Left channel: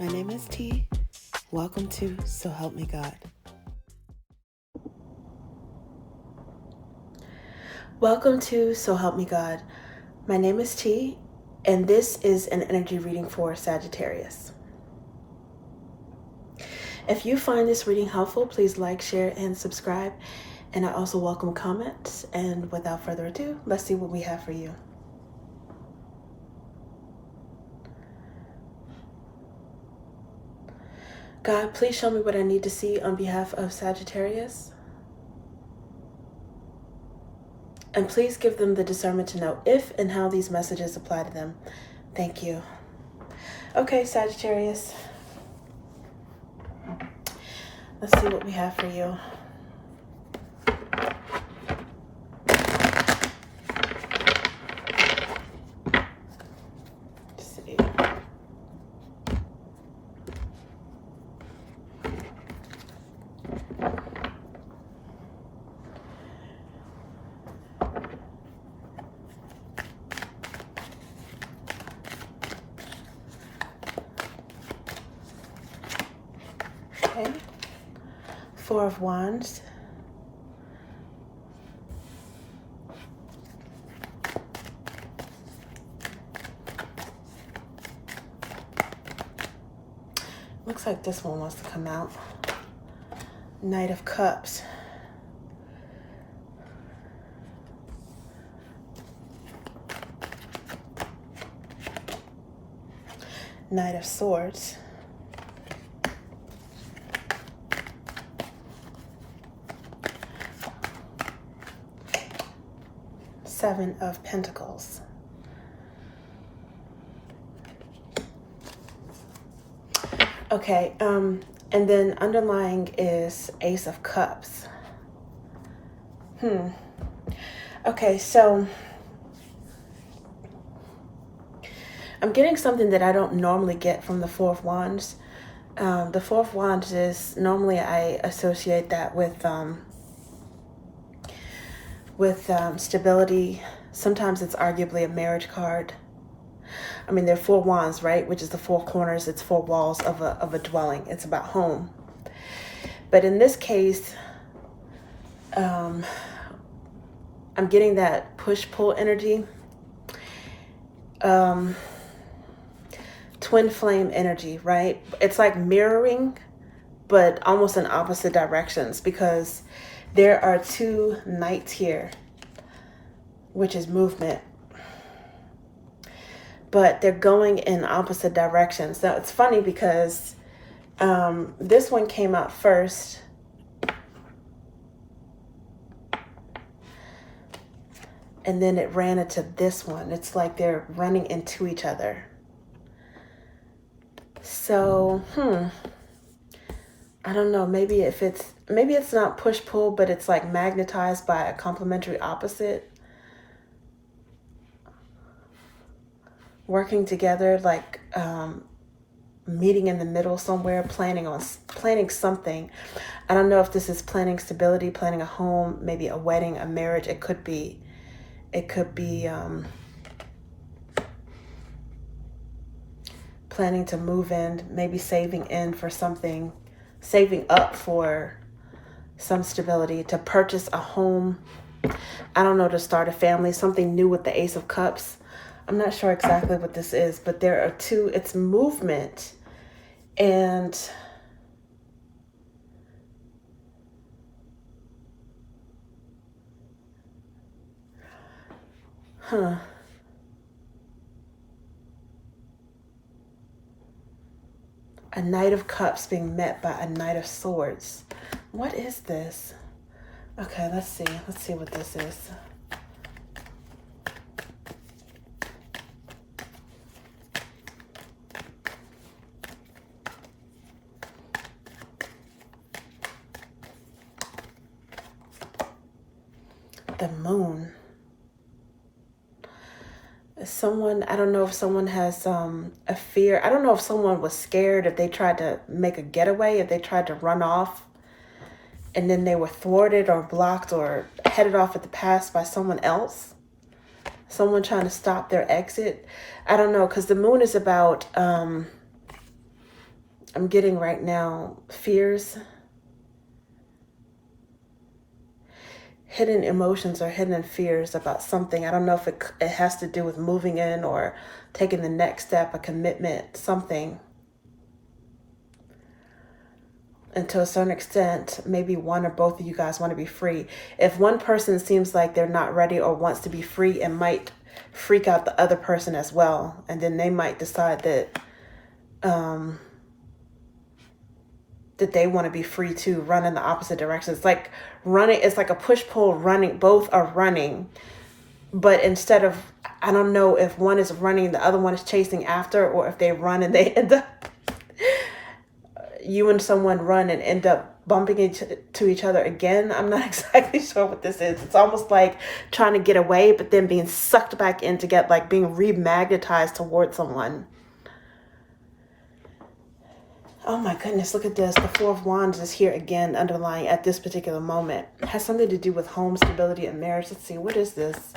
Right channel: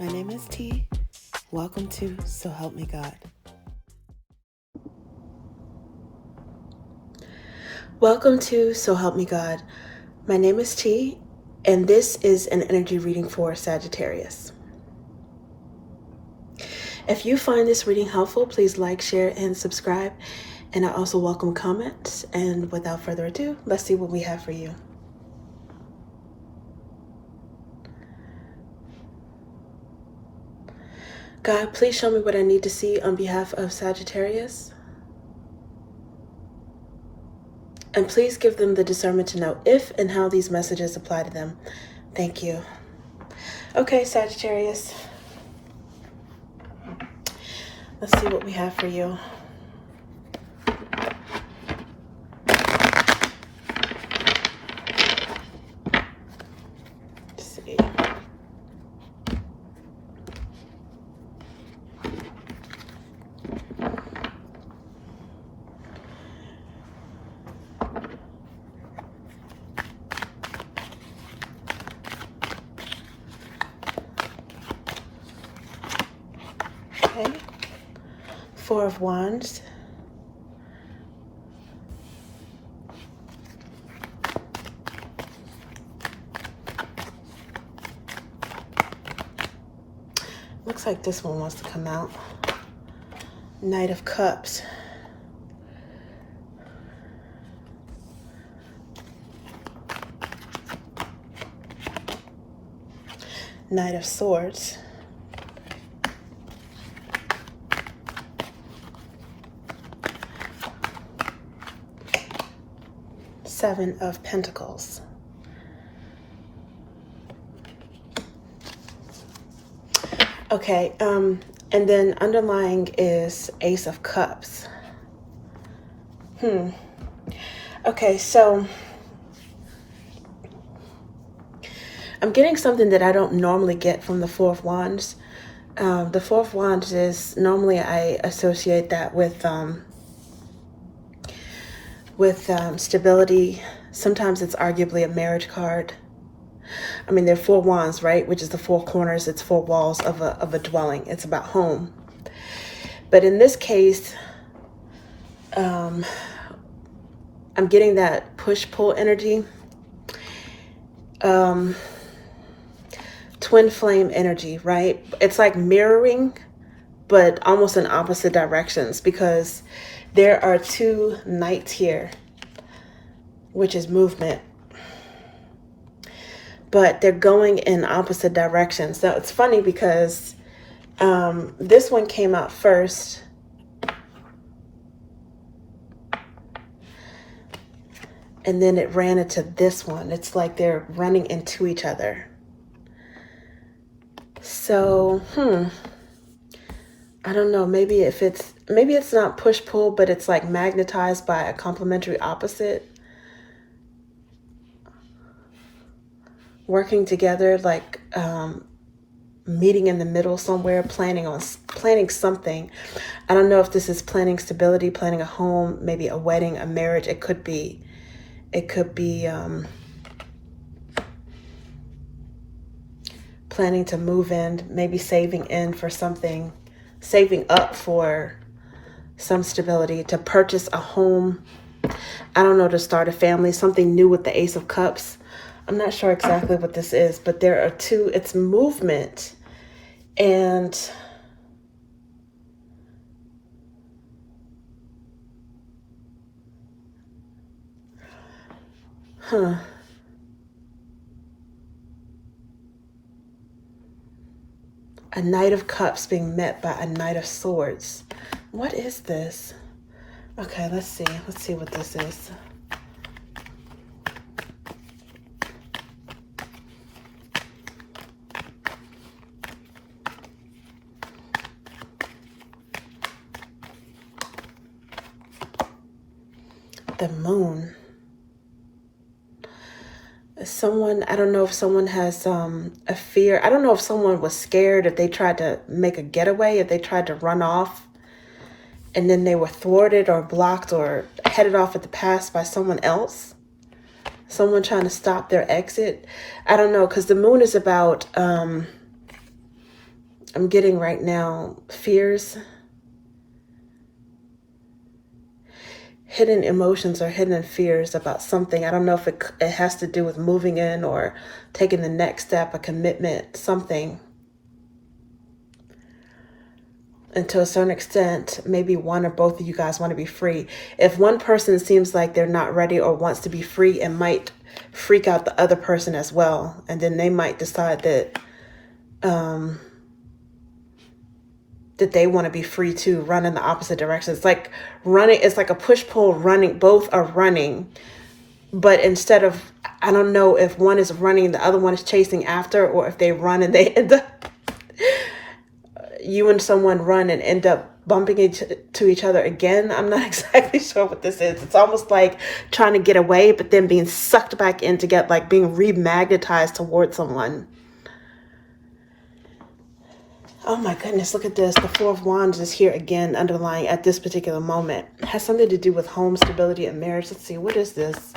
My name is T. Welcome to So Help Me God. Welcome to So Help Me God. My name is T, and this is an energy reading for Sagittarius. If you find this reading helpful, please like, share, and subscribe. And I also welcome comments. And without further ado, let's see what we have for you. God, please show me what I need to see on behalf of Sagittarius. And please give them the discernment to know if and how these messages apply to them. Thank you. Okay, Sagittarius. Let's see what we have for you. Let's see. Okay. Four of Wands. Looks like this one wants to come out. Knight of Cups. Knight of Swords. Seven of Pentacles. Okay, and then underlying is Ace of Cups. Okay, so I'm getting something that I don't normally get from the Four of Wands. The Four of Wands is, normally I associate that with stability. Sometimes it's arguably a marriage card. I mean, there are four wands, right? Which is the four corners. It's four walls of a dwelling. It's about home. But in this case, I'm getting that push-pull energy. Twin flame energy, right? It's like mirroring, but almost in opposite directions, because there are two knights here, which is movement. But they're going in opposite directions. Now, it's funny because this one came out first. And then it ran into this one. It's like they're running into each other. So, I don't know. Maybe it's not push-pull, but it's like magnetized by a complementary opposite. Working together, like meeting in the middle somewhere, planning something. I don't know if this is planning stability, planning a home, maybe a wedding, a marriage. It could be planning to move in, maybe saving in for something, saving up for some stability, to purchase a home. I don't know, to start a family, something new with the Ace of Cups. I'm not sure exactly what this is, but there are two, it's movement and a Knight of Cups being met by a Knight of Swords. What is this? Okay, let's see what this is. The Moon. Someone, I don't know if someone has a fear. I don't know if someone was scared, if they tried to make a getaway, if they tried to run off and then they were thwarted or blocked or headed off at the pass by someone else. Someone trying to stop their exit. I don't know, because the Moon is about I'm getting right now fears, hidden emotions or hidden fears about something. I don't know if it has to do with moving in or taking the next step, a commitment, something. And to a certain extent, maybe one or both of you guys want to be free. If one person seems like they're not ready or wants to be free, it might freak out the other person as well. And then they might decide that that they want to be free to run in the opposite direction. It's like running, it's like a push-pull running. Both are running, but instead of, I don't know if one is running, the other one is chasing after, or if they run and they end up, you and someone run and end up bumping into each other again. I'm not exactly sure what this is. It's almost like trying to get away, but then being sucked back in to get, like being remagnetized towards someone. Oh my goodness, look at this. The Four of Wands is here again, underlying at this particular moment. It has something to do with home stability and marriage. Let's see, what is this?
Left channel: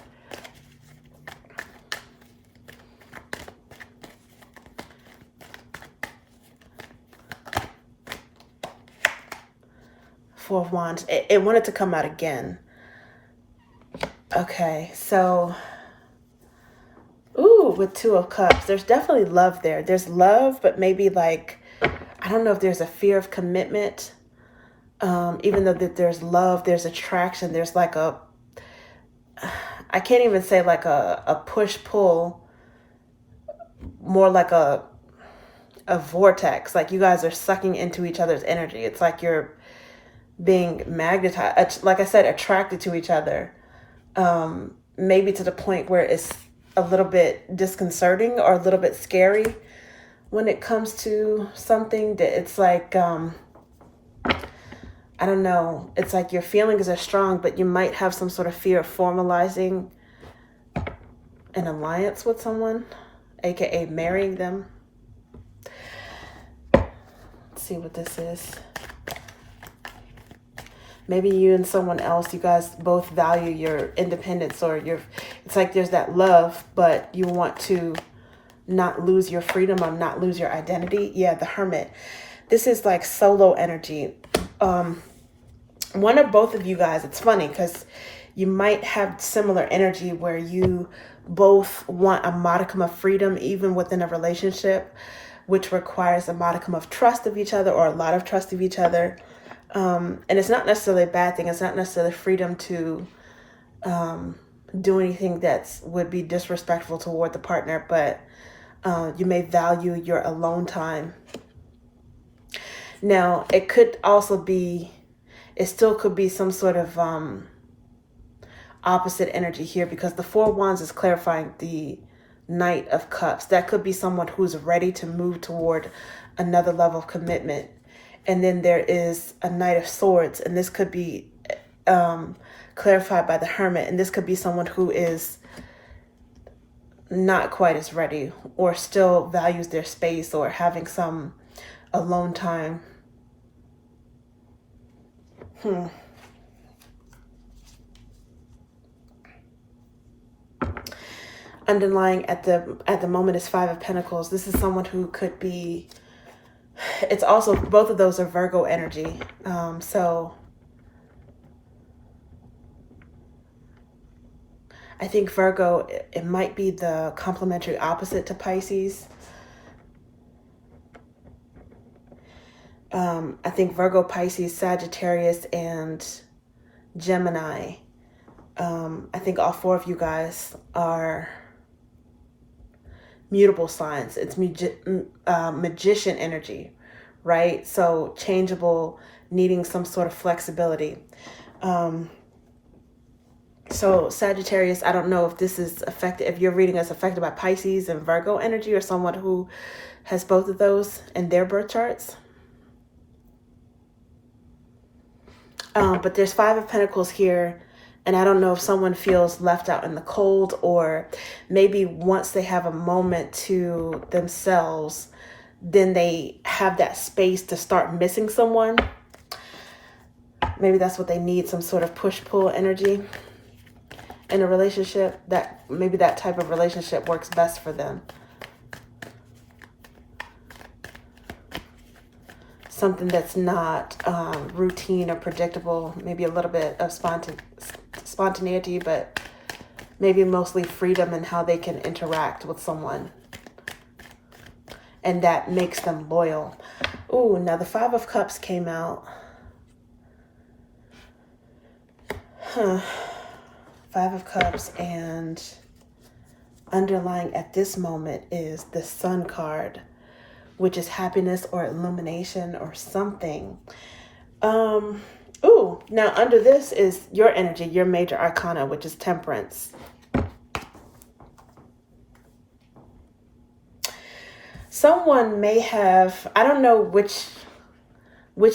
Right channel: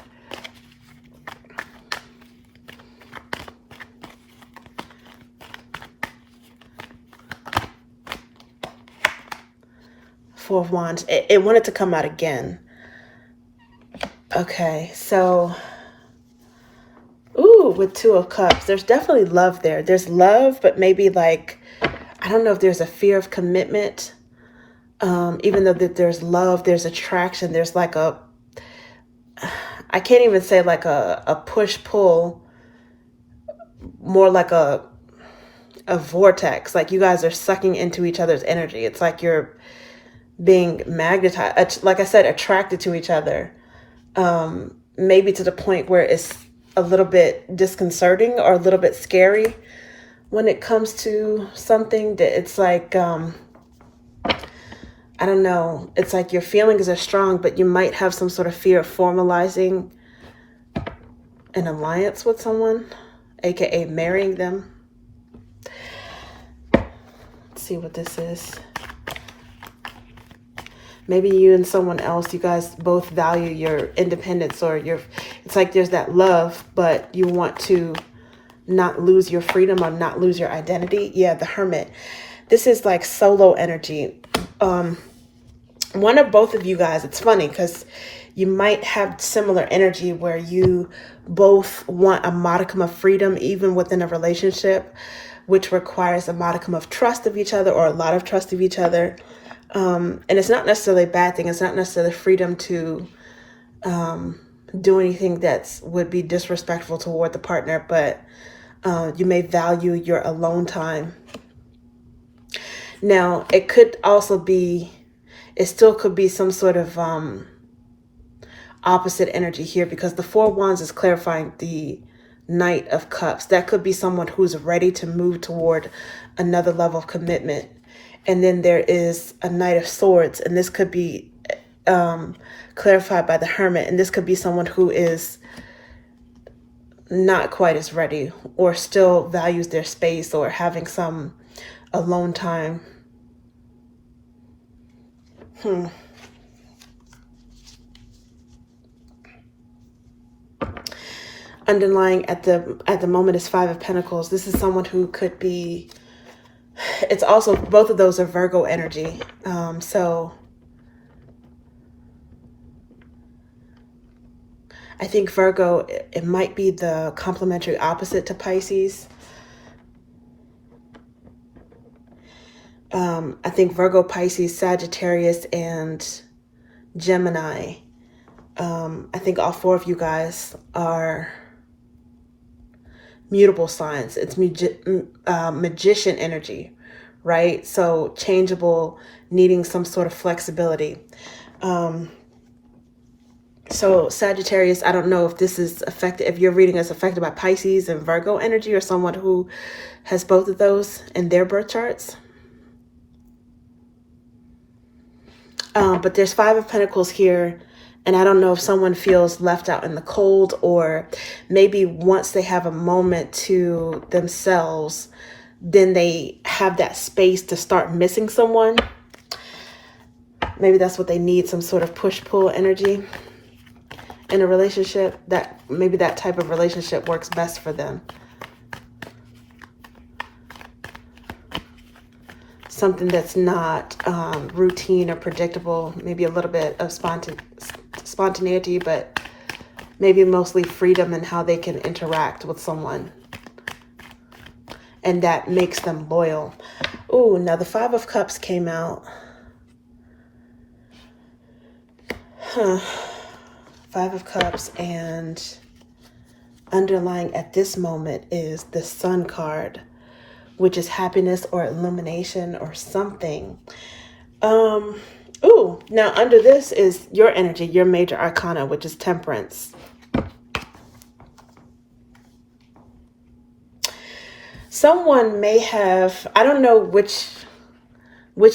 Four of Wands. It wanted to come out again. Okay, so, ooh, with Two of Cups. There's definitely love there. There's love, but maybe like, I don't know if there's a fear of commitment. Even though that there's love, there's attraction. There's like a, I can't even say like a push-pull, more like a vortex. Like you guys are sucking into each other's energy. It's like you're being magnetized, like I said, attracted to each other. Maybe to the point where it's a little bit disconcerting or a little bit scary when it comes to something that it's like, I don't know. It's like your feelings are strong, but you might have some sort of fear of formalizing an alliance with someone, aka marrying them. Let's see what this is. Maybe you and someone else, you guys both value your independence, or it's like there's that love, but you want to not lose your freedom or not lose your identity. Yeah, the Hermit. This is like solo energy. One of both of you guys, it's funny because you might have similar energy where you both want a modicum of freedom, even within a relationship, which requires a modicum of trust of each other or a lot of trust of each other. And it's not necessarily a bad thing. It's not necessarily freedom to do anything that would be disrespectful toward the partner, but you may value your alone time. Now, it could also be, it still could be some sort of opposite energy here, because the Four of Wands is clarifying the Knight of Cups. That could be someone who's ready to move toward another level of commitment. And then there is a Knight of Swords, and this could be clarified by the Hermit. And this could be someone who is not quite as ready, or still values their space, or having some alone time. Underlying at the moment is Five of Pentacles. This is someone who could be, it's also, both of those are Virgo energy. So I think Virgo, it might be the complementary opposite to Pisces. I think Virgo, Pisces, Sagittarius, and Gemini. I think all four of you guys are mutable signs. It's magician energy, right? So changeable, needing some sort of flexibility. So Sagittarius, I don't know if this is affected, if your reading is affected by Pisces and Virgo energy, or someone who has both of those in their birth charts. But there's Five of Pentacles here, and I don't know if someone feels left out in the cold, or maybe once they have a moment to themselves, then they have that space to start missing someone. Maybe that's what they need, some sort of push-pull energy in a relationship. That maybe that type of relationship works best for them. something that's not routine or predictable, maybe a little bit of spontaneity, but maybe mostly freedom in how they can interact with someone. And that makes them loyal. Ooh, now the Five of Cups came out. Five of Cups, and underlying at this moment is the Sun card, which is happiness or illumination or something. Ooh, now under this is your energy, your major arcana, which is Temperance. Someone may have, I don't know which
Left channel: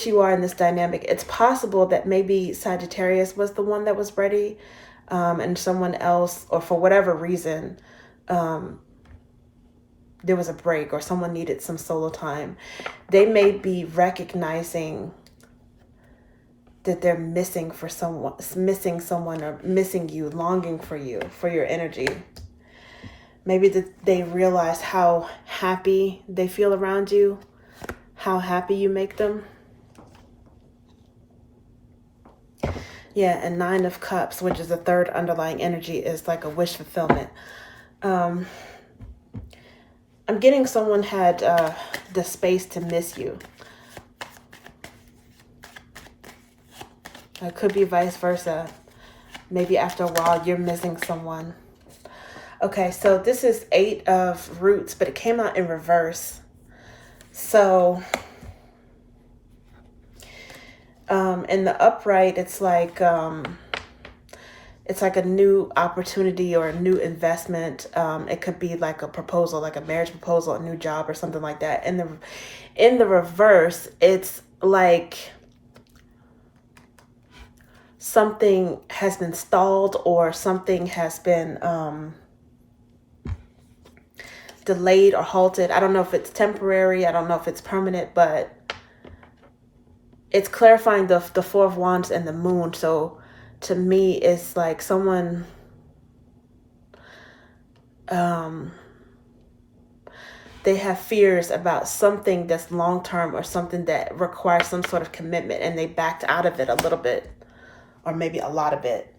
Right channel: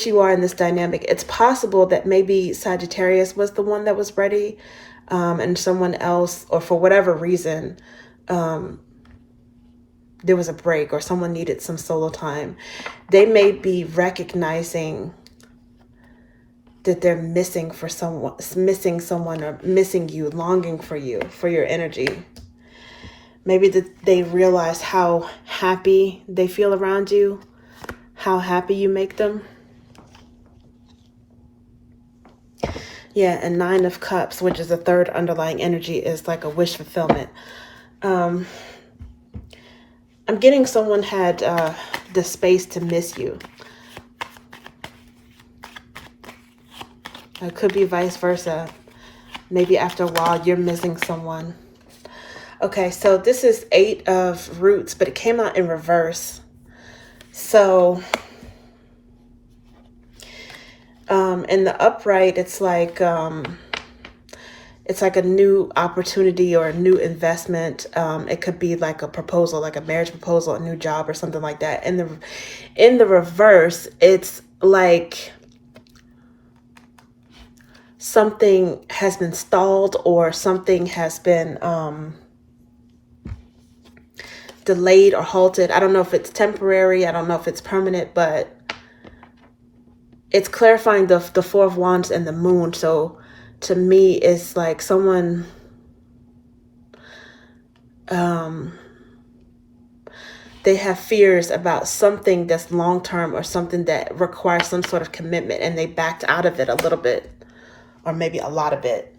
you are in this dynamic. It's possible that maybe Sagittarius was the one that was ready, and someone else, or for whatever reason, there was a break or someone needed some solo time. They may be recognizing that they're missing someone or missing you, longing for you, for your energy. Maybe that they realize how happy they feel around you, how happy you make them. Yeah, and Nine of Cups, which is the third underlying energy, is like a wish fulfillment. I'm getting someone had the space to miss you. It could be vice versa. Maybe after a while, you're missing someone. Okay, so this is Eight of Roots, but it came out in reverse. So, in the upright, it's like a new opportunity or a new investment. It could be like a proposal, like a marriage proposal, a new job or something like that. And in the reverse, it's like something has been stalled or something has been delayed or halted. I don't know if it's temporary. I don't know if it's permanent, but it's clarifying the Four of Wands and the Moon. So to me, it's like someone they have fears about something that's long-term or something that requires some sort of commitment, and they backed out of it a little bit, or maybe a lot of it.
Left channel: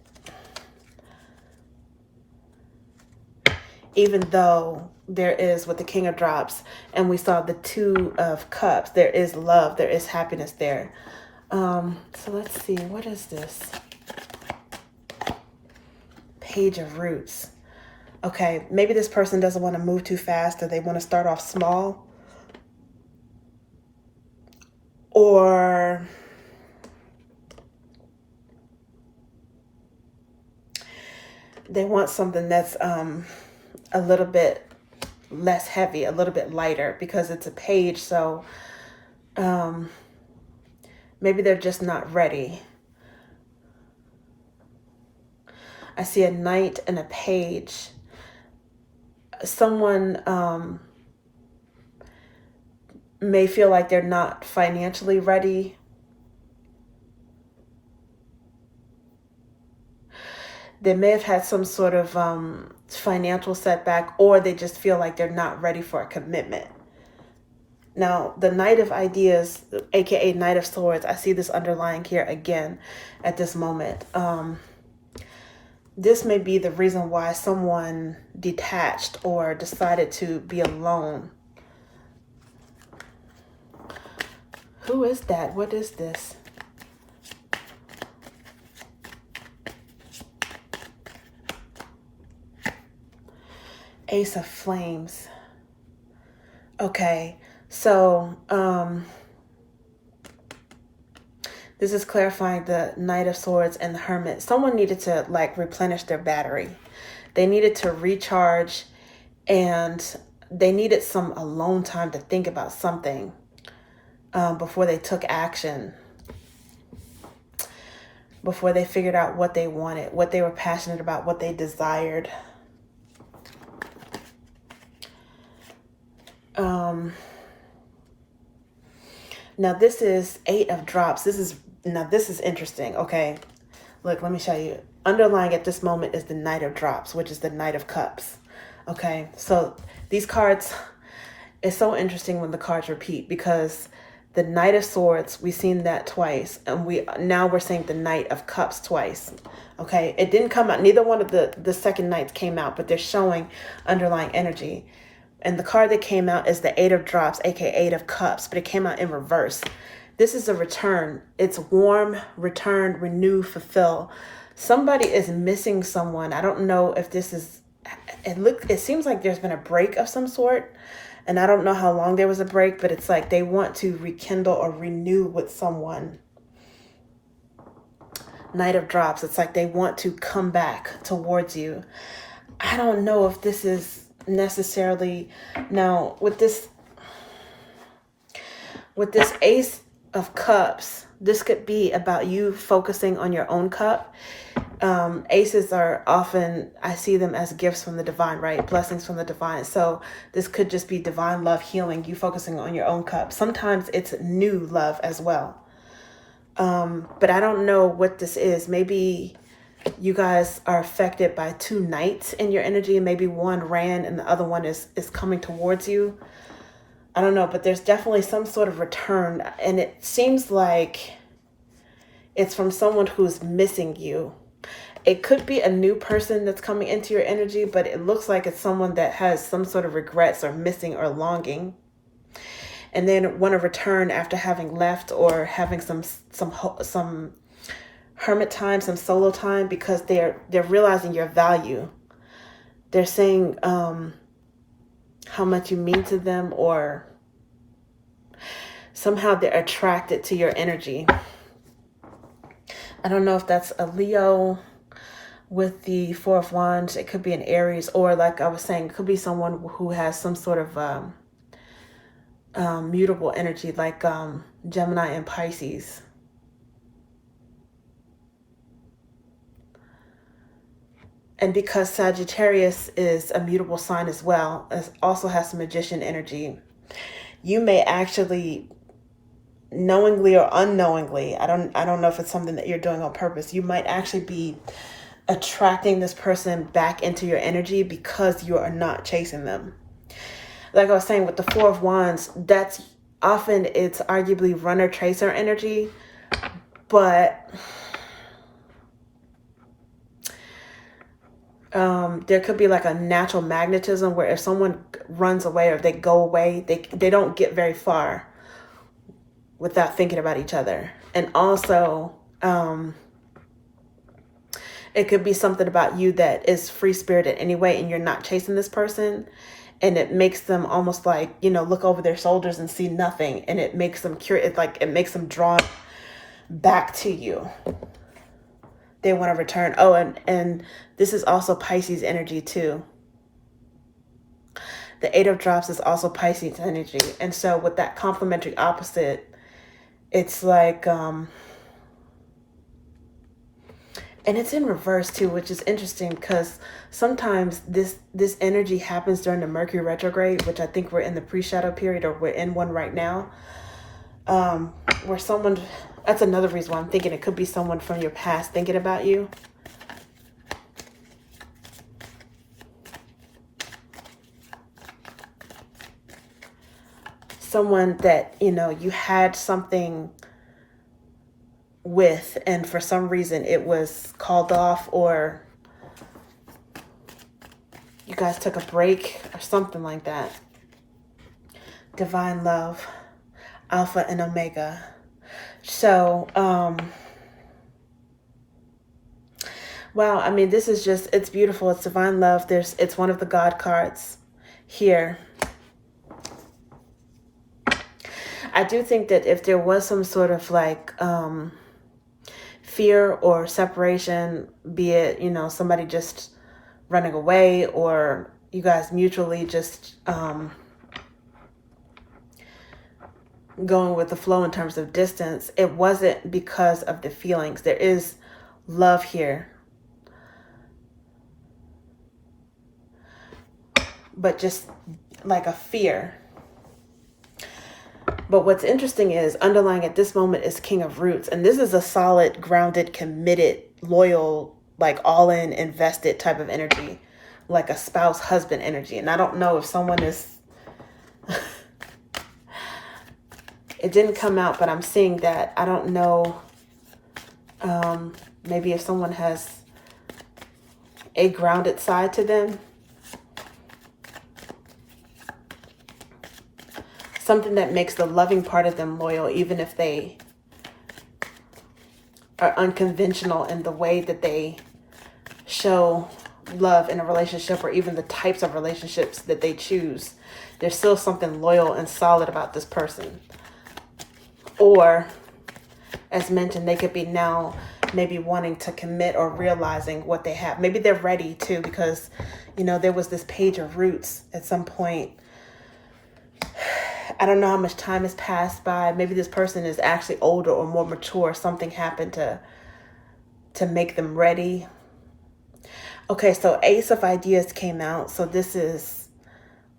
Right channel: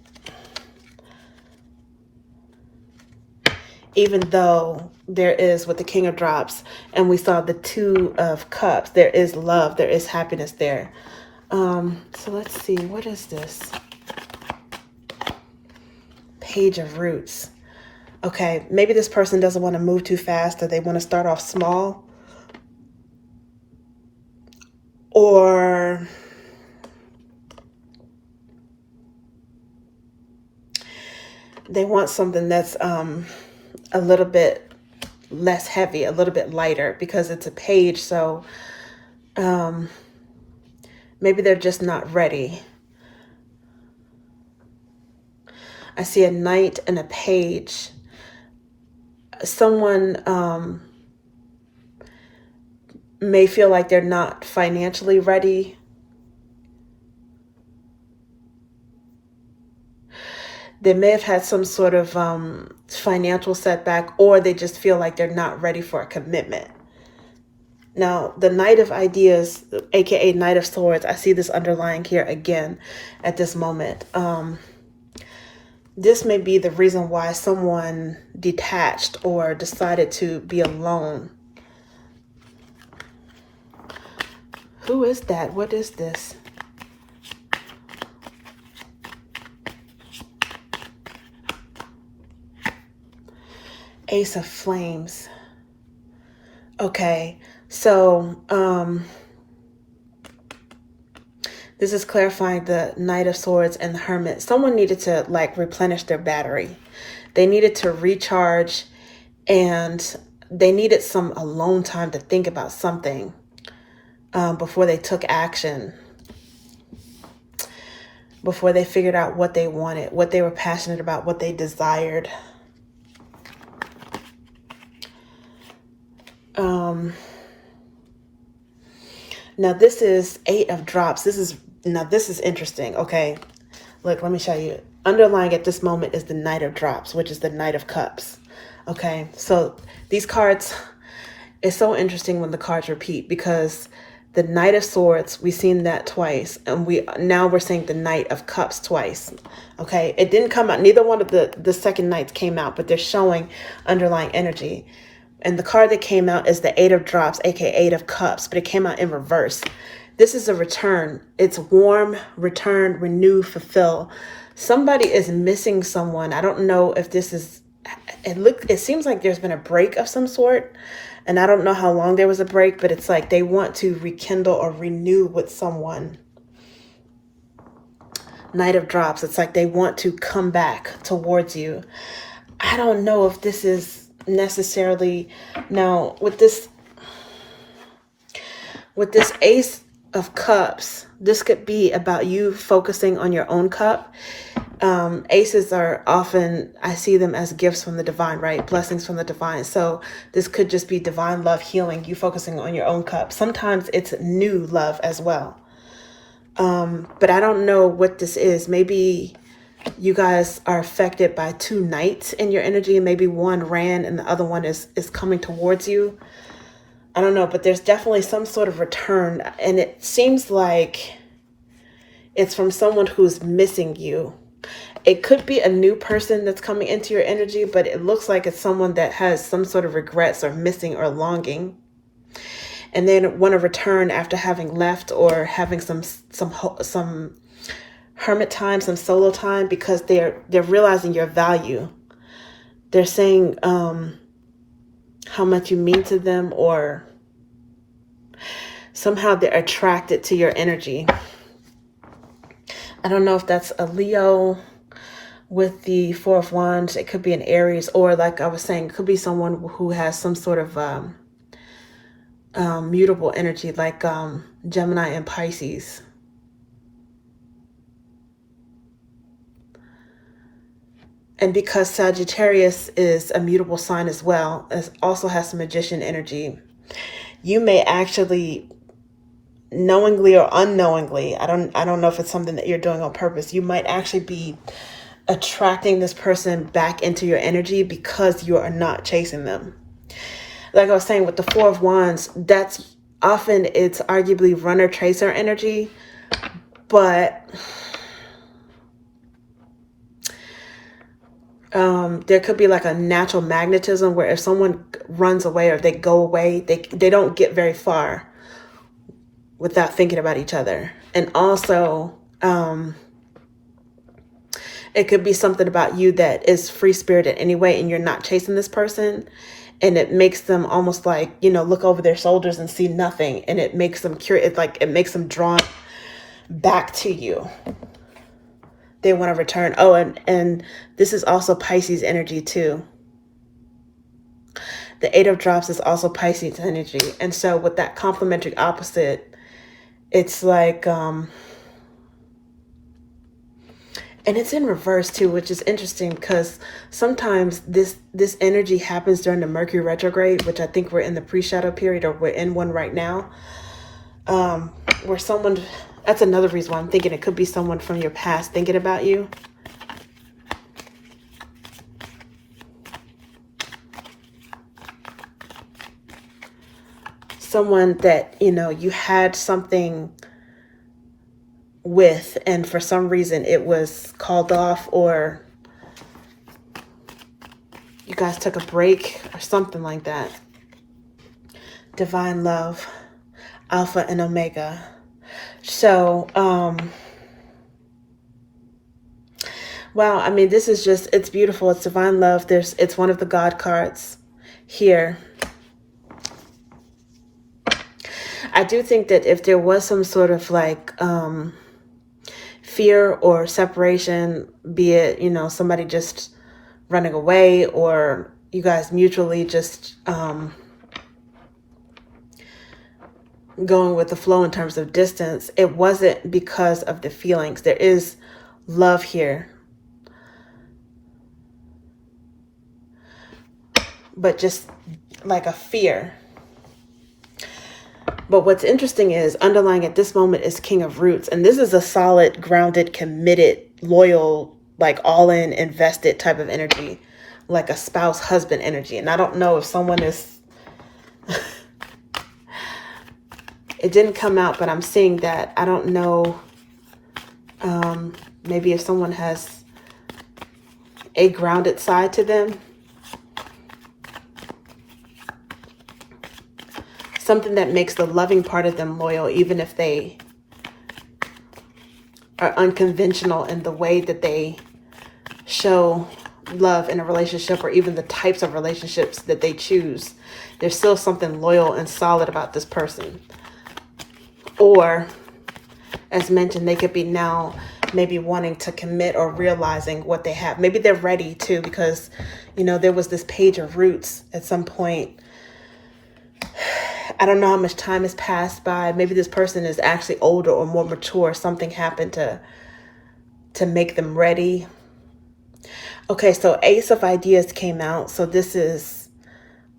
Even though there is, with the King of Drops, and we saw the Two of Cups, there is love, there is happiness there. So let's see, what is this? Page of Roots. Okay, maybe this person doesn't want to move too fast, or they want to start off small. Or they want something that's a little bit less heavy, a little bit lighter, because it's a page. So maybe they're just not ready. I see a Knight and a Page. Someone may feel like they're not financially ready. They may have had some sort of financial setback, or they just feel like they're not ready for a commitment. Now, the Knight of Ideas, aka Knight of Swords, I see this underlying here again at this moment. This may be the reason why someone detached or decided to be alone. Who is that? What is this? Ace of Flames. Okay, so this is clarifying the Knight of Swords and the Hermit. Someone needed to like replenish their battery. They needed to recharge, and they needed some alone time to think about something before they took action, before they figured out what they wanted, what they were passionate about, what they desired. Now this is Eight of Drops. This is interesting. Okay, look, let me show you. Underlying at this moment is the Knight of Drops, which is the Knight of Cups. Okay, so these cards, it's so interesting when the cards repeat, because The Knight of Swords, we've seen that twice. And we're seeing the Knight of Cups twice. Okay, it didn't come out. Neither one of the second Knights came out, but they're showing underlying energy. And the card that came out is the Eight of Drops, aka Eight of Cups, but it came out in reverse. This is a return. It's warm, return, renew, fulfill. Somebody is missing someone. I don't know if this is, it seems like there's been a break of some sort. And I don't know how long there was a break, but it's like they want to rekindle or renew with someone. Knight of Drops. It's like they want to come back towards you. I don't know if this is necessarily, now with this Ace of Cups, this could be about you focusing on your own cup. Aces are often, I see them as gifts from the divine, right? Blessings from the divine. So this could just be divine love, healing, you focusing on your own cup. Sometimes it's new love as well. But I don't know what this is. Maybe you guys are affected by two knights in your energy, and maybe one ran and the other one is coming towards you. I don't know, but there's definitely some sort of return, and it seems like it's from someone who's missing you. It could be a new person that's coming into your energy, but it looks like it's someone that has some sort of regrets or missing or longing, and then want to return after having left or having some hermit time, some solo time, because they're realizing your value. They're saying how much you mean to them, or somehow they're attracted to your energy. I don't know if that's a Leo with the Four of Wands. It could be an Aries, or like I was saying, it could be someone who has some sort of mutable energy, like Gemini and Pisces. And because Sagittarius is a mutable sign as well, it also has some magician energy, you may actually, knowingly or unknowingly, I don't know if it's something that you're doing on purpose, you might actually be attracting this person back into your energy because you are not chasing them. Like I was saying with the Four of Wands, that's often, it's arguably runner chaser energy, but there could be like a natural magnetism where if someone runs away or if they go away, they don't get very far without thinking about each other. And also, it could be something about you that is free-spirited anyway, and you're not chasing this person, and it makes them almost like, you know, look over their shoulders and see nothing, and it makes them curious. Like it makes them drawn back to you. They want to return. Oh, and this is also Pisces energy too. The Eight of Drops is also Pisces energy. And so with that complementary opposite, it's like, and it's in reverse too, which is interesting because sometimes this energy happens during the Mercury retrograde, which I think we're in the pre-shadow period, or we're in one right now, where someone, that's another reason why I'm thinking it could be someone from your past thinking about you. Someone that, you know, you had something with, and for some reason it was called off, or you guys took a break or something like that. Divine love, Alpha and Omega. So, wow, I mean, this is just, it's beautiful. It's divine love. It's one of the God cards here. I do think that if there was some sort of like fear or separation, be it, you know, somebody just running away, or you guys mutually just going with the flow in terms of distance, it wasn't because of the feelings. There is love here, but just like a fear. But what's interesting is underlying at this moment is King of Roots. And this is a solid, grounded, committed, loyal, like all in, invested type of energy, like a spouse, husband energy. And I don't know if someone is, It didn't come out, but I'm seeing that. I don't know. Maybe if someone has a grounded side to them. Something that makes the loving part of them loyal, even if they are unconventional in the way that they show love in a relationship, or even the types of relationships that they choose. There's still something loyal and solid about this person. Or, as mentioned, they could be now maybe wanting to commit or realizing what they have. Maybe they're ready to, because, you know, there was this page of roots at some point. I don't know how much time has passed by. Maybe this person is actually older or more mature. Something happened to make them ready. Okay, so Ace of Ideas came out. So this is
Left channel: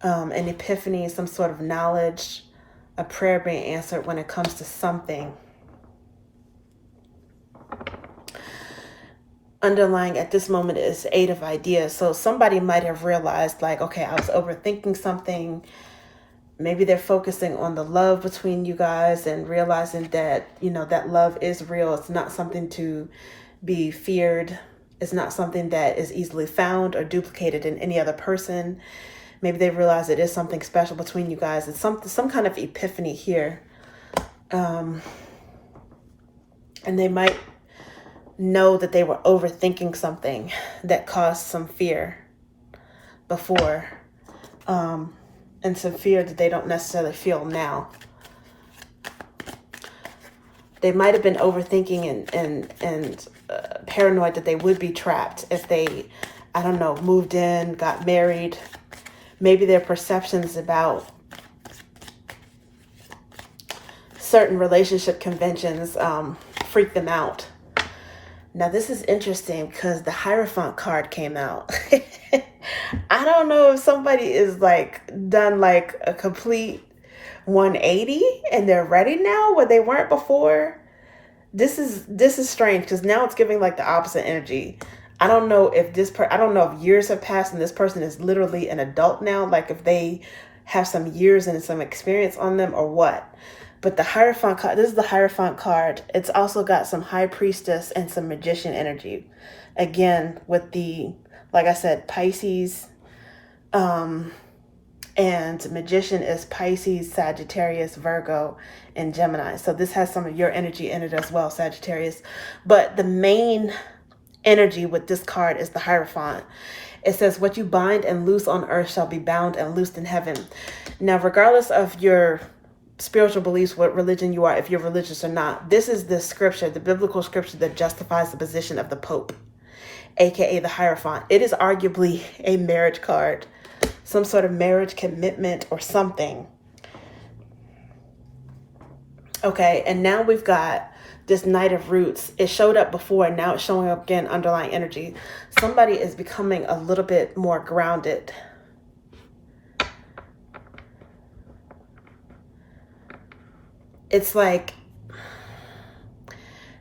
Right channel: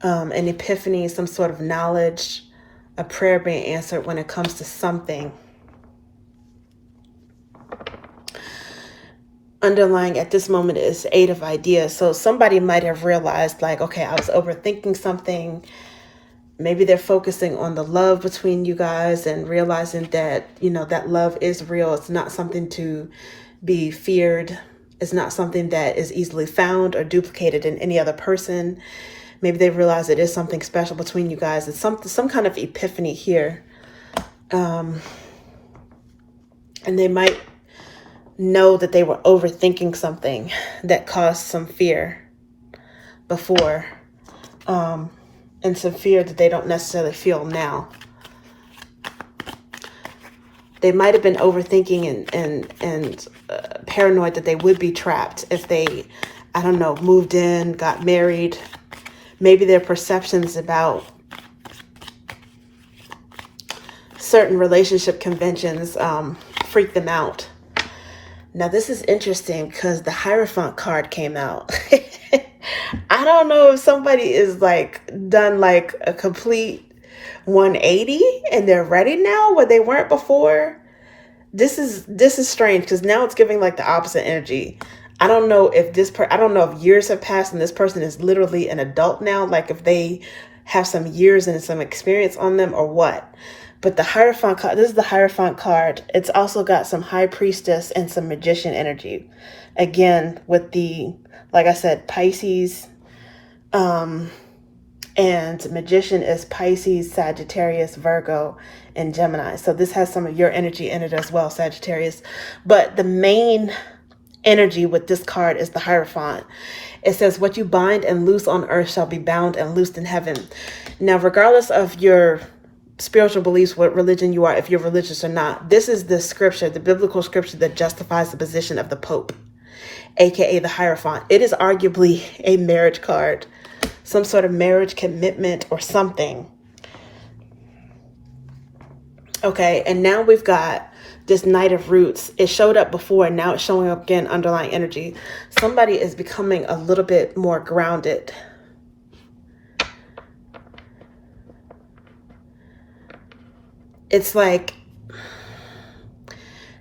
an epiphany, some sort of knowledge, a prayer being answered when it comes to something. Underlying at this moment is Eight of Ideas. So somebody might have realized, like, okay, I was overthinking something. Maybe they're focusing on the love between you guys and realizing that, you know, that love is real. It's not something to be feared. It's not something that is easily found or duplicated in any other person. Maybe they realize it is something special between you guys. It's some kind of epiphany here. And they might know that they were overthinking something that caused some fear before. And some fear that they don't necessarily feel now. They might have been overthinking and paranoid that they would be trapped if they, I don't know, moved in, got married. Maybe their perceptions about certain relationship conventions freak them out. Now, this is interesting because the Hierophant card came out. I don't know if somebody is like done like a complete 180 and they're ready now where they weren't before. This is strange because now it's giving like the opposite energy. I don't know if I don't know if years have passed and this person is literally an adult now, like if they have some years and some experience on them or what. But the Hierophant card, this is the Hierophant card. It's also got some High Priestess and some Magician energy. Again, with the, like I said, Pisces, and Magician is Pisces, Sagittarius, Virgo, and Gemini. So this has some of your energy in it as well, Sagittarius. But the main energy with this card is the Hierophant. It says, what you bind and loose on earth shall be bound and loosed in heaven. Now, regardless of your spiritual beliefs, what religion you are, if you're religious or not, this is the scripture, the biblical scripture that justifies the position of the Pope, aka the Hierophant. It is arguably a marriage card, some sort of marriage commitment or something. Okay, and now we've got this Knight of Roots. It showed up before and now it's showing up again, underlying energy. Somebody is becoming a little bit more grounded. It's like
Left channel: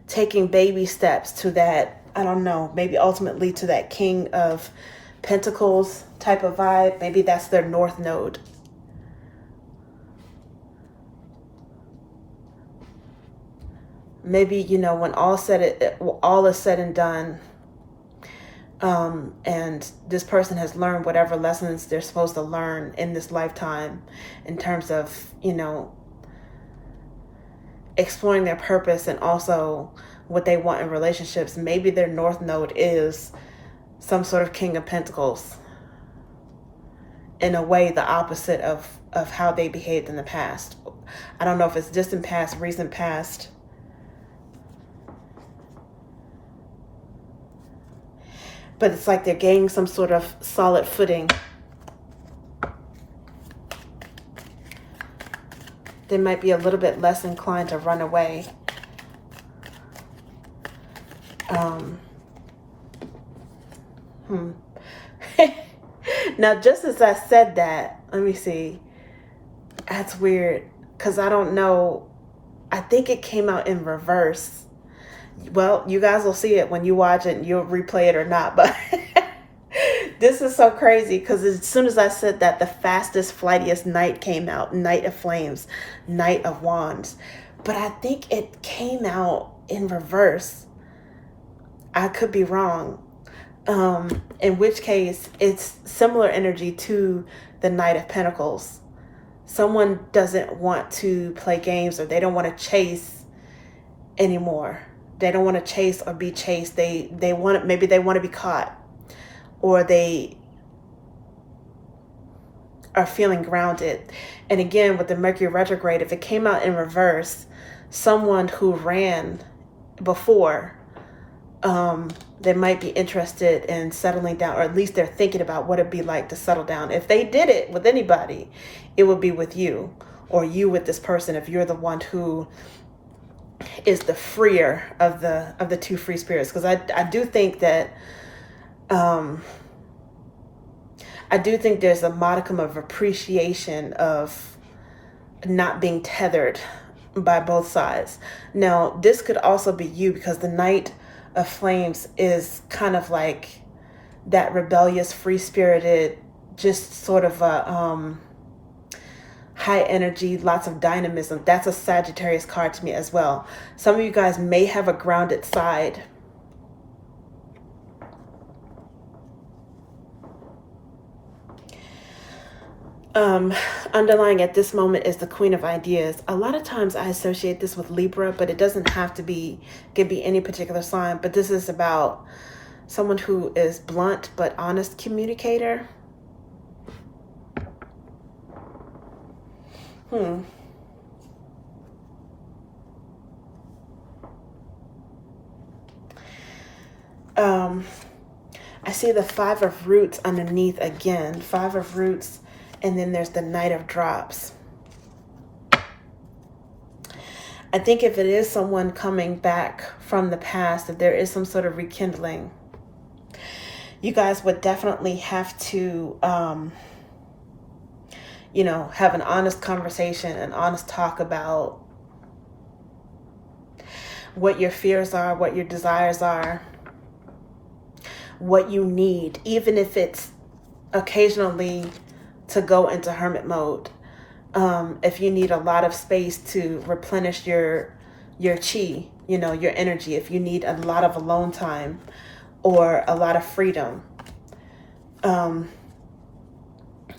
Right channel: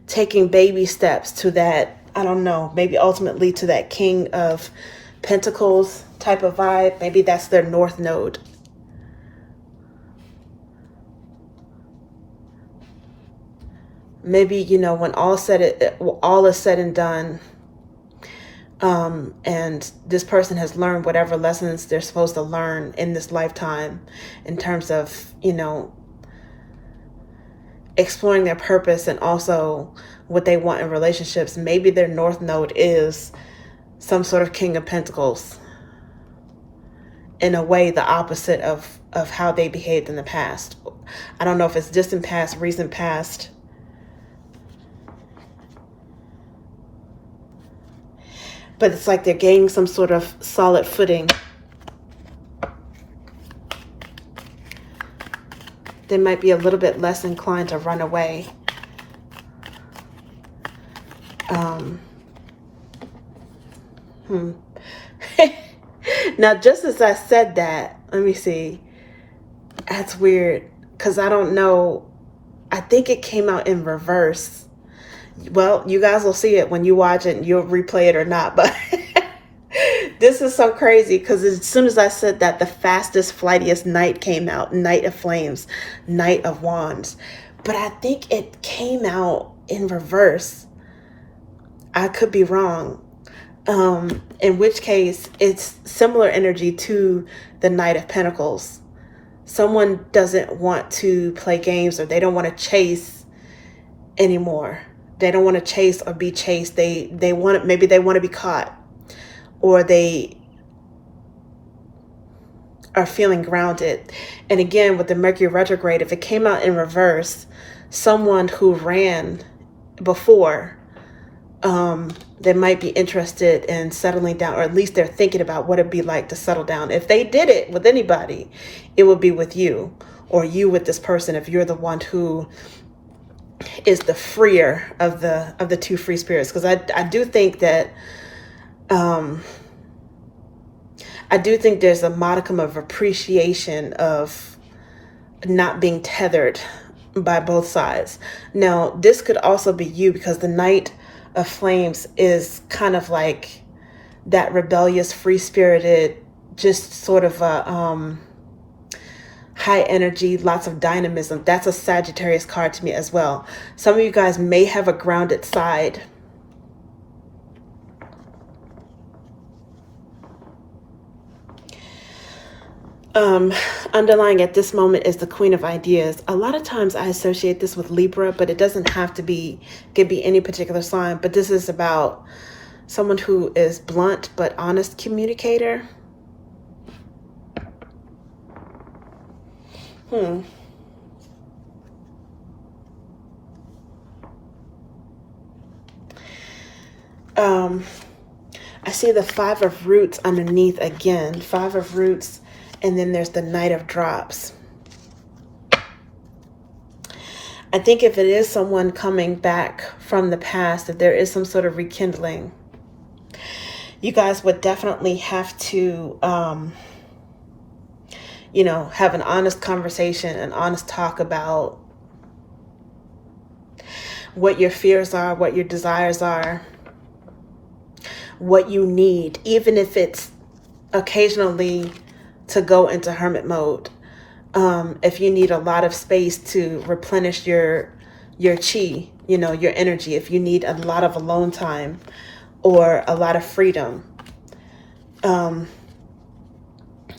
taking baby steps to that, I don't know, maybe ultimately to that King of Pentacles type of vibe. Maybe that's their North Node. Maybe, you know, when all is said and done, and this person has learned whatever lessons they're supposed to learn in this lifetime in terms of, you know, exploring their purpose and also what they want in relationships. Maybe their North Node is some sort of King of Pentacles. In a way, the opposite of how they behaved in the past. I don't know if it's distant past, recent past. But it's like they're gaining some sort of solid footing. They might be a little bit less inclined to run away. Now, just as I said that, let me see. That's weird because I don't know. I think it came out in reverse. Well, you guys will see it when you watch it and you'll replay it or not. But This is so crazy because as soon as I said that, the fastest, flightiest Knight came out. Knight of Flames, Knight of Wands. But I think it came out in reverse. I could be wrong. In which case, it's similar energy to the Knight of Pentacles. Someone doesn't want to play games, or they don't want to chase anymore. They don't want to chase or be chased. They want, maybe they want to be caught, or they are feeling grounded. And again, with the Mercury retrograde, if it came out in reverse, someone who ran before, they might be interested in settling down, or at least they're thinking about what it'd be like to settle down. If they did it with anybody, it would be with you, or you with this person, if you're the one who is the freer of the two free spirits. Because I do think that I do think there's a modicum of appreciation of not being tethered by both sides. Now, this could also be you, because the Knight of Flames is kind of like that rebellious, free-spirited, just sort of a high energy, lots of dynamism. That's a Sagittarius card to me as well. Some of you guys may have a grounded side. Underlying at this moment is the Queen of Ideas. A lot of times I associate this with Libra, but it doesn't have to be, it could be any particular sign. But this is about someone who is blunt but honest communicator. I see the Five of Roots underneath again. Five of Roots. And then there's the Knight of Drops. I think if it is someone coming back from the past, if there is some sort of rekindling, you guys would definitely have to, you know, have an honest conversation, an honest talk about what your fears are, what your desires are, what you need, even if it's occasionally to go into hermit mode. If you need a lot of space to replenish your chi, you know, your energy, if you need a lot of alone time or a lot of freedom,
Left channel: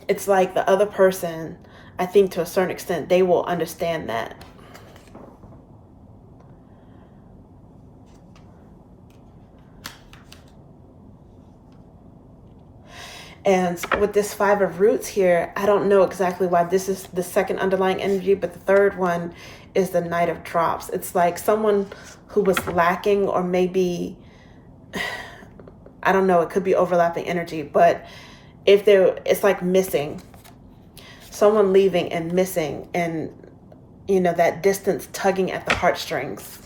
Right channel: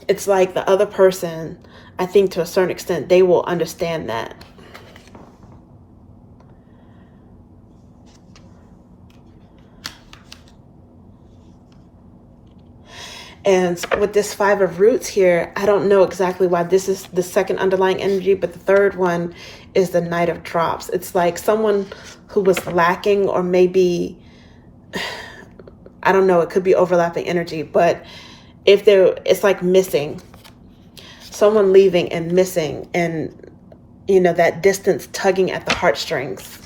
it's like the other person, I think to a certain extent, they will understand that. And with this Five of Roots here, I don't know exactly why this is the second underlying energy, but the third one is the Knight of Drops. It's like someone who was lacking, or maybe, I don't know, it could be overlapping energy, but if it's like missing, someone leaving and missing, and, you know, that distance tugging at the heartstrings.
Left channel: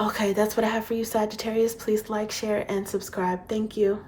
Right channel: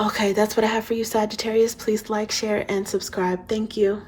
Okay, that's what I have for you, Sagittarius. Please like, share, and subscribe. Thank you.